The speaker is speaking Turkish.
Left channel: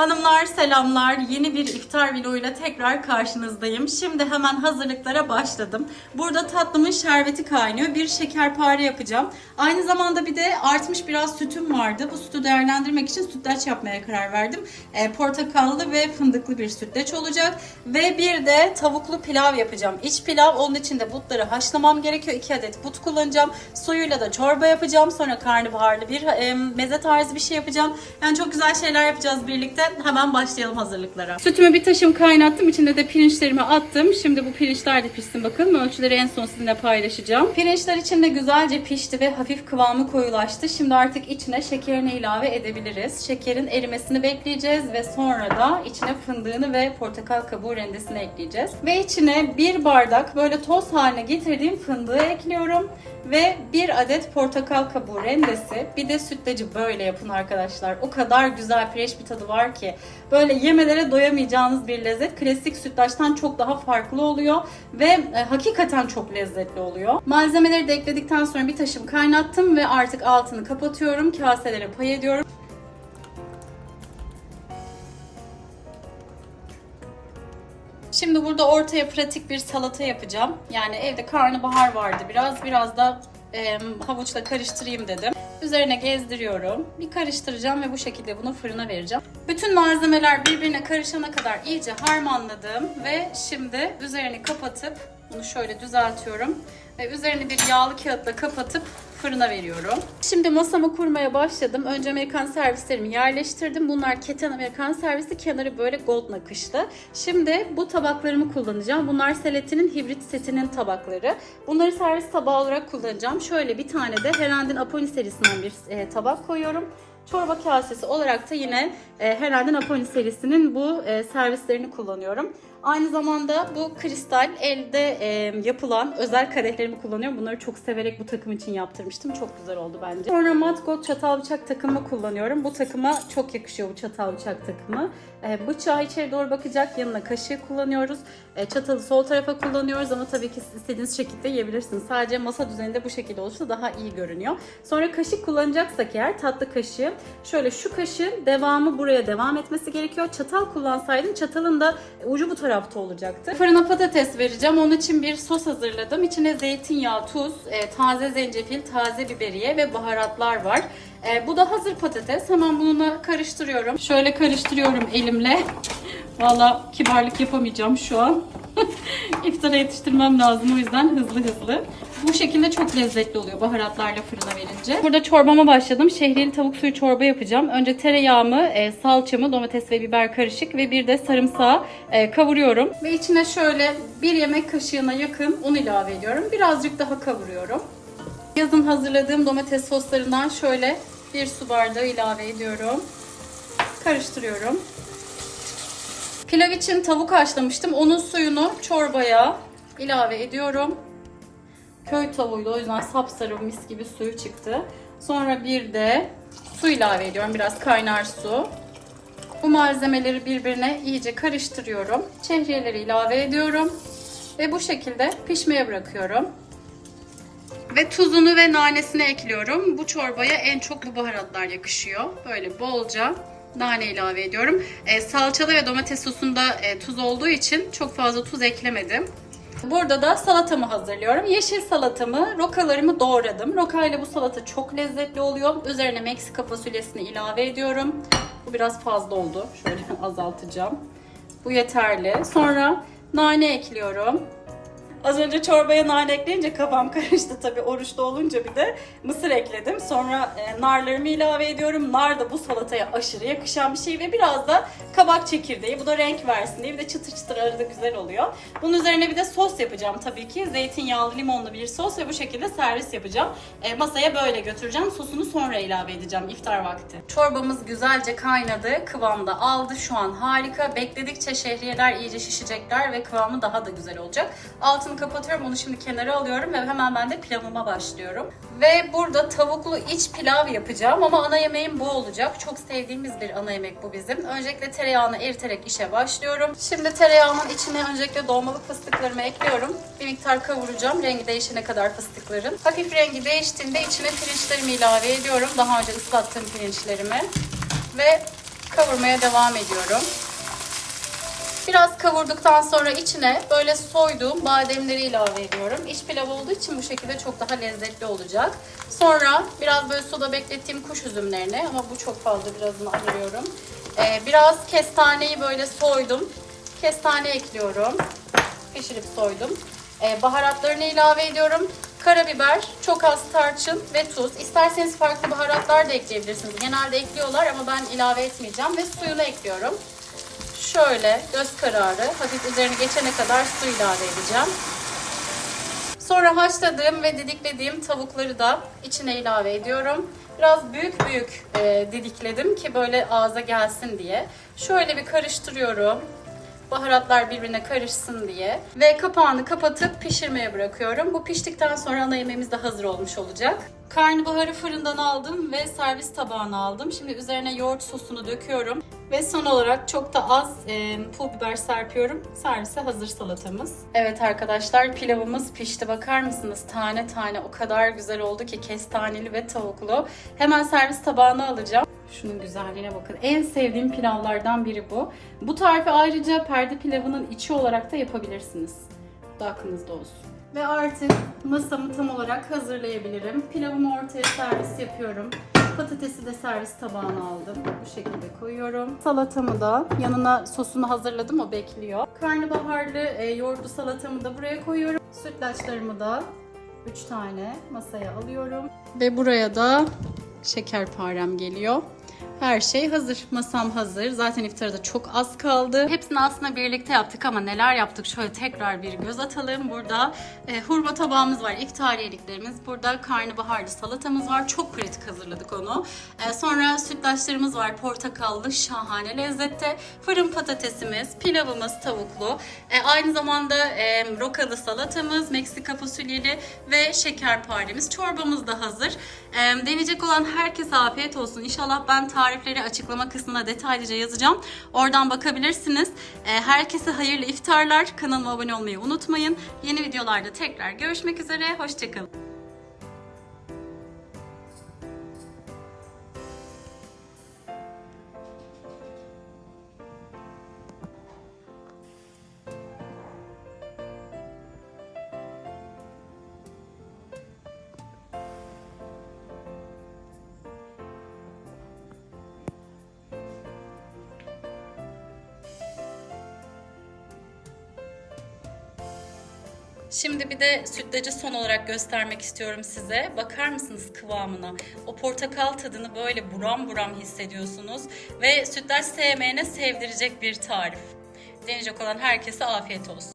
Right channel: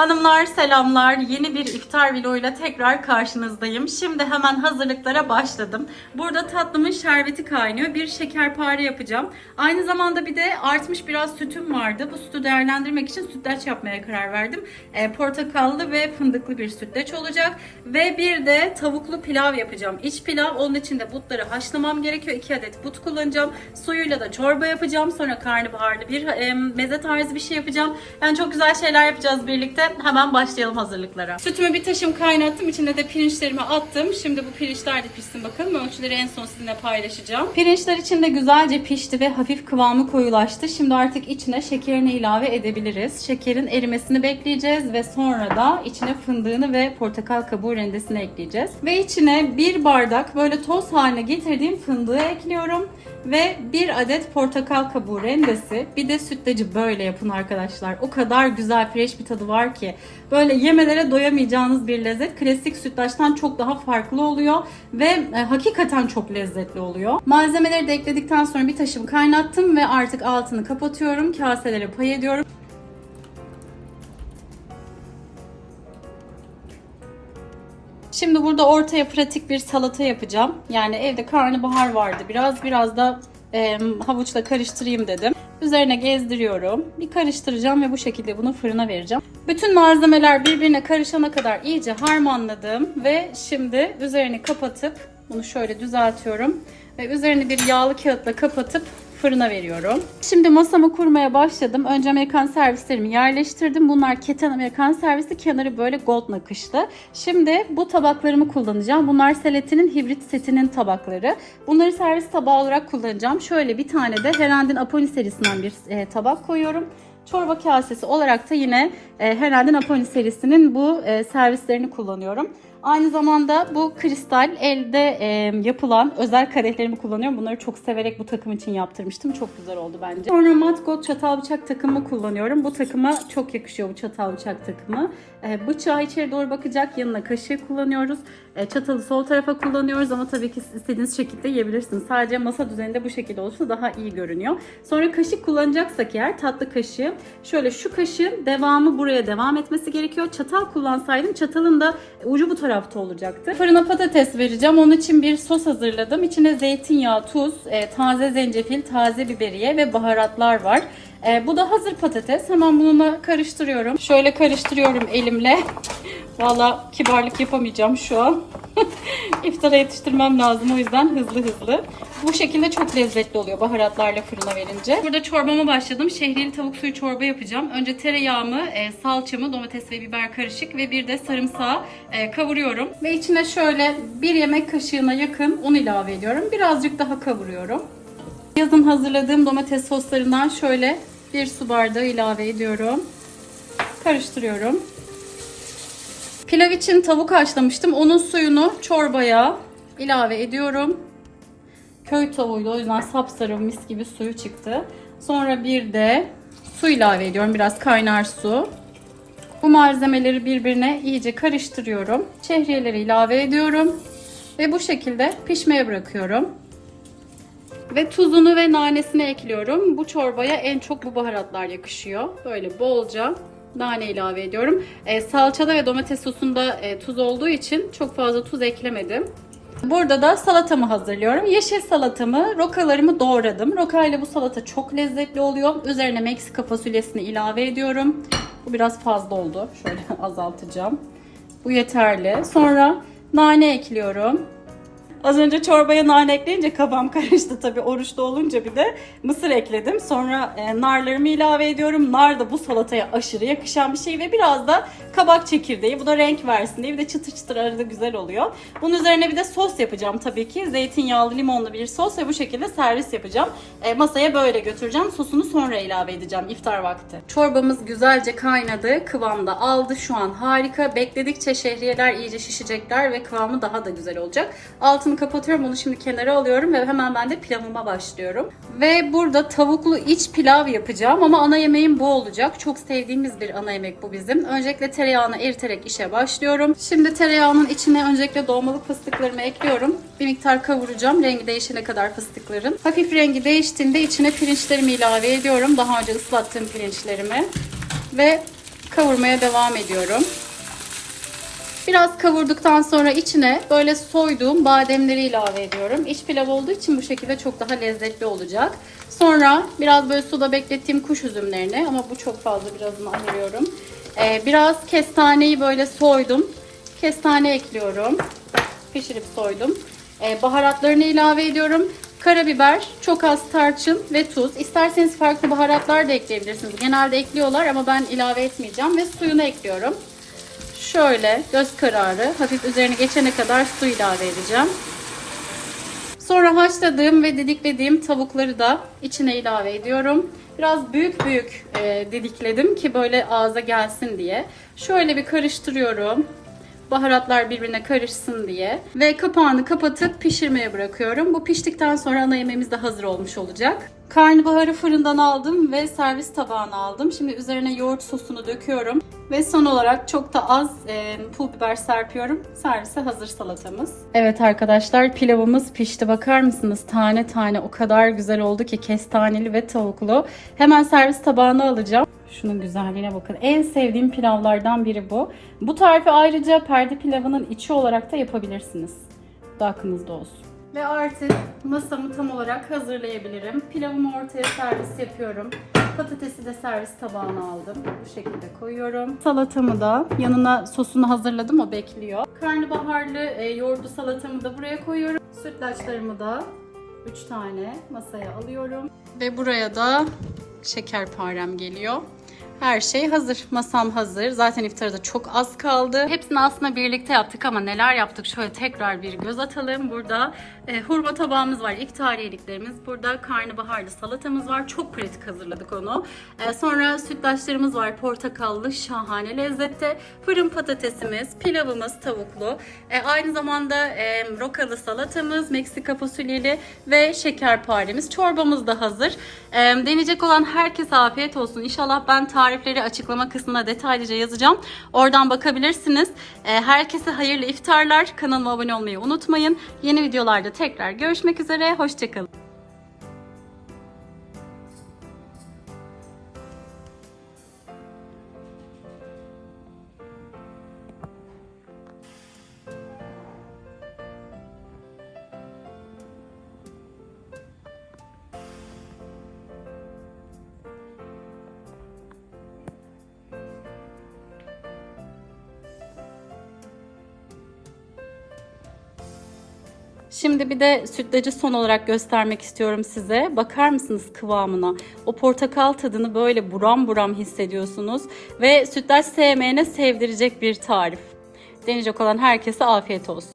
Hanımlar selamlar. Yeni bir iftar vloguyla tekrar karşınızdayım. Şimdi hemen hazırlıklara başladım. Burada tatlımın şerbeti kaynıyor. Bir şekerpare yapacağım. Aynı zamanda bir de artmış biraz sütüm vardı. Bu sütü değerlendirmek için sütlaç yapmaya karar verdim. E, portakallı ve fındıklı bir sütlaç olacak. Ve bir de tavuklu pilav yapacağım. İç pilav. Onun için de butları haşlamam gerekiyor. 2 adet but kullanacağım. Suyuyla da çorba yapacağım. Sonra karnabaharlı bir e, meze tarzı bir şey yapacağım. Yani çok güzel şeyler yapacağız birlikte. Hemen başlayalım hazırlıklara. Sütümü bir taşım kaynattım. İçine de pirinçlerimi attım. Şimdi bu pirinçler de pişsin bakalım. Ölçüleri en son sizinle paylaşacağım. Pirinçler içinde güzelce pişti ve hafif kıvamı koyulaştı. Şimdi artık içine şekerini ilave edebiliriz. Şekerin erimesini bekleyeceğiz ve sonra da içine fındığını ve portakal kabuğu rendesini ekleyeceğiz. Ve içine bir bardak böyle toz haline getirdiğim fındığı ekliyorum. Ve bir adet portakal kabuğu rendesi. Bir de sütlacı böyle yapın arkadaşlar. O kadar güzel fresh bir tadı var ki. Böyle yemelere doyamayacağınız bir lezzet. Klasik sütlaçtan çok daha farklı oluyor. Ve e, hakikaten çok lezzetli oluyor. Malzemeleri de ekledikten sonra bir taşım kaynattım ve artık altını kapatıyorum. Kaselere pay ediyorum. Şimdi burada ortaya pratik bir salata yapacağım. Yani evde karnabahar vardı biraz. Biraz da e, havuçla karıştırayım dedim. Üzerine gezdiriyorum. Bir karıştıracağım ve bu şekilde bunu fırına vereceğim. Bütün malzemeler birbirine karışana kadar iyice harmanladım. Ve şimdi üzerini kapatıp bunu şöyle düzeltiyorum. Ve üzerini bir yağlı kağıtla kapatıp fırına veriyorum. Şimdi masamı kurmaya başladım. Önce Amerikan servislerimi yerleştirdim. Bunlar keten Amerikan servisi. Kenarı böyle gold nakışlı. Şimdi bu tabaklarımı kullanacağım. Bunlar Seletti'nin hibrit setinin tabakları. Bunları servis tabağı olarak kullanacağım. Şöyle bir tane de Herand'in Aponi serisinden bir e, tabak koyuyorum. Çorba kasesi olarak da yine e, Herhalde Napoli serisinin bu e, servislerini kullanıyorum. Aynı zamanda bu kristal elde e, yapılan özel kadehlerimi kullanıyorum. Bunları çok severek bu takım için yaptırmıştım. Çok güzel oldu bence. Sonra mat gold çatal bıçak takımı kullanıyorum. Bu takıma çok yakışıyor bu çatal bıçak takımı. E, bıçağı içeri doğru bakacak yanına kaşığı kullanıyoruz. E, çatalı sol tarafa kullanıyoruz ama tabii ki istediğiniz şekilde yiyebilirsiniz. Sadece masa düzeninde bu şekilde olursa daha iyi görünüyor. Sonra kaşık kullanacaksak eğer tatlı kaşığı şöyle şu kaşığın devamı buraya devam etmesi gerekiyor. Çatal kullansaydım çatalın da ucu bu tarafta olacaktı. Fırına patates vereceğim. Onun için bir sos hazırladım. İçine zeytinyağı, tuz, e, taze zencefil, taze biberiye ve baharatlar var. E, bu da hazır patates. Hemen bunu karıştırıyorum. Şöyle karıştırıyorum elimle. Valla kibarlık yapamayacağım şu an. İftara yetiştirmem lazım o yüzden hızlı hızlı. Bu şekilde çok lezzetli oluyor baharatlarla fırına verince. Burada çorbama başladım. Şehriyeli tavuk suyu çorba yapacağım. Önce tereyağımı, e, salçamı, domates ve biber karışık ve bir de sarımsağı e, kavuruyorum. Ve içine şöyle bir yemek kaşığına yakın un ilave ediyorum. Birazcık daha kavuruyorum. Yazın hazırladığım domates soslarından şöyle bir su bardağı ilave ediyorum. Karıştırıyorum. Pilav için tavuk haşlamıştım. Onun suyunu çorbaya ilave ediyorum. Köy tavuğuydu o yüzden sapsarı mis gibi suyu çıktı. Sonra bir de su ilave ediyorum. Biraz kaynar su. Bu malzemeleri birbirine iyice karıştırıyorum. Şehriyeleri ilave ediyorum. Ve bu şekilde pişmeye bırakıyorum. Ve tuzunu ve nanesini ekliyorum. Bu çorbaya en çok bu baharatlar yakışıyor. Böyle bolca nane ilave ediyorum. E, salçada ve domates sosunda e, tuz olduğu için çok fazla tuz eklemedim. Burada da salatamı hazırlıyorum. Yeşil salatamı, rokalarımı doğradım. Roka ile bu salata çok lezzetli oluyor. Üzerine Meksika fasulyesini ilave ediyorum. Bu biraz fazla oldu. Şöyle azaltacağım. Bu yeterli. Sonra nane ekliyorum. Az önce çorbaya nane ekleyince kafam karıştı tabii oruçlu olunca bir de mısır ekledim. Sonra e, narlarımı ilave ediyorum. Nar da bu salataya aşırı yakışan bir şey ve biraz da kabak çekirdeği. Bu da renk versin diye bir de çıtır çıtır arada güzel oluyor. Bunun üzerine bir de sos yapacağım tabii ki. Zeytinyağlı limonlu bir sos ve bu şekilde servis yapacağım. E, masaya böyle götüreceğim. Sosunu sonra ilave edeceğim iftar vakti. Çorbamız güzelce kaynadı. Kıvamda aldı. Şu an harika. Bekledikçe şehriyeler iyice şişecekler ve kıvamı daha da güzel olacak. Altını kapatıyorum. Onu şimdi kenara alıyorum ve hemen ben de pilavıma başlıyorum. Ve burada tavuklu iç pilav yapacağım ama ana yemeğim bu olacak. Çok sevdiğimiz bir ana yemek bu bizim. Öncelikle tereyağını eriterek işe başlıyorum. Şimdi tereyağının içine öncelikle dolmalık fıstıklarımı ekliyorum. Bir miktar kavuracağım. Rengi değişene kadar fıstıkların. Hafif rengi değiştiğinde içine pirinçlerimi ilave ediyorum. Daha önce ıslattığım pirinçlerimi. Ve kavurmaya devam ediyorum. Biraz kavurduktan sonra içine böyle soyduğum bademleri ilave ediyorum. İç pilav olduğu için bu şekilde çok daha lezzetli olacak. Sonra biraz böyle suda beklettiğim kuş üzümlerini ama bu çok fazla birazını ayırıyorum. Ee, biraz kestaneyi böyle soydum. Kestane ekliyorum. Pişirip soydum. Ee, baharatlarını ilave ediyorum. Karabiber, çok az tarçın ve tuz. İsterseniz farklı baharatlar da ekleyebilirsiniz. Genelde ekliyorlar ama ben ilave etmeyeceğim ve suyunu ekliyorum. Şöyle göz kararı hafif üzerine geçene kadar su ilave edeceğim. Sonra haşladığım ve didiklediğim tavukları da içine ilave ediyorum. Biraz büyük büyük e, didikledim ki böyle ağza gelsin diye. Şöyle bir karıştırıyorum. Baharatlar birbirine karışsın diye. Ve kapağını kapatıp pişirmeye bırakıyorum. Bu piştikten sonra ana yemeğimiz de hazır olmuş olacak. Karnabaharı fırından aldım ve servis tabağına aldım. Şimdi üzerine yoğurt sosunu döküyorum. Ve son olarak çok da az e, pul biber serpiyorum. Servise hazır salatamız. Evet arkadaşlar pilavımız pişti. Bakar mısınız? Tane tane o kadar güzel oldu ki kestaneli ve tavuklu. Hemen servis tabağına alacağım. Şunun güzelliğine bakın. En sevdiğim pilavlardan biri bu. Bu tarifi ayrıca perde pilavının içi olarak da yapabilirsiniz. Bu da aklınızda olsun. Ve artık masamı tam olarak hazırlayabilirim. Pilavımı ortaya servis yapıyorum. Patatesi de servis tabağına aldım. Bu şekilde koyuyorum. Salatamı da yanına sosunu hazırladım o bekliyor. Karnabaharlı e, yoğurtlu salatamı da buraya koyuyorum. Sütlaçlarımı da 3 tane masaya alıyorum. Ve buraya da şekerparem geliyor. Her şey hazır. Masam hazır. Zaten iftarda çok az kaldı. Hepsini aslında birlikte yaptık ama neler yaptık şöyle tekrar bir göz atalım. Burada e, hurma tabağımız var. İftariyeliklerimiz. Burada karnabaharlı salatamız var. Çok pratik hazırladık onu. E, sonra sütlaçlarımız var. Portakallı şahane lezzette. Fırın patatesimiz, pilavımız tavuklu. E, aynı zamanda e, rokalı salatamız, Meksika fasulyeli ve şekerparemiz. Çorbamız da hazır. E, deneyecek olan herkese afiyet olsun. İnşallah ben tarifleri açıklama kısmına detaylıca yazacağım. Oradan bakabilirsiniz. E, herkese hayırlı iftarlar. Kanalıma abone olmayı unutmayın. Yeni videolarda tekrar görüşmek üzere. Hoşçakalın. Şimdi bir de sütlacı son olarak göstermek istiyorum size. Bakar mısınız kıvamına? O portakal tadını böyle buram buram hissediyorsunuz. Ve sütlaç sevmeyene sevdirecek bir tarif. Deneyecek olan herkese afiyet olsun.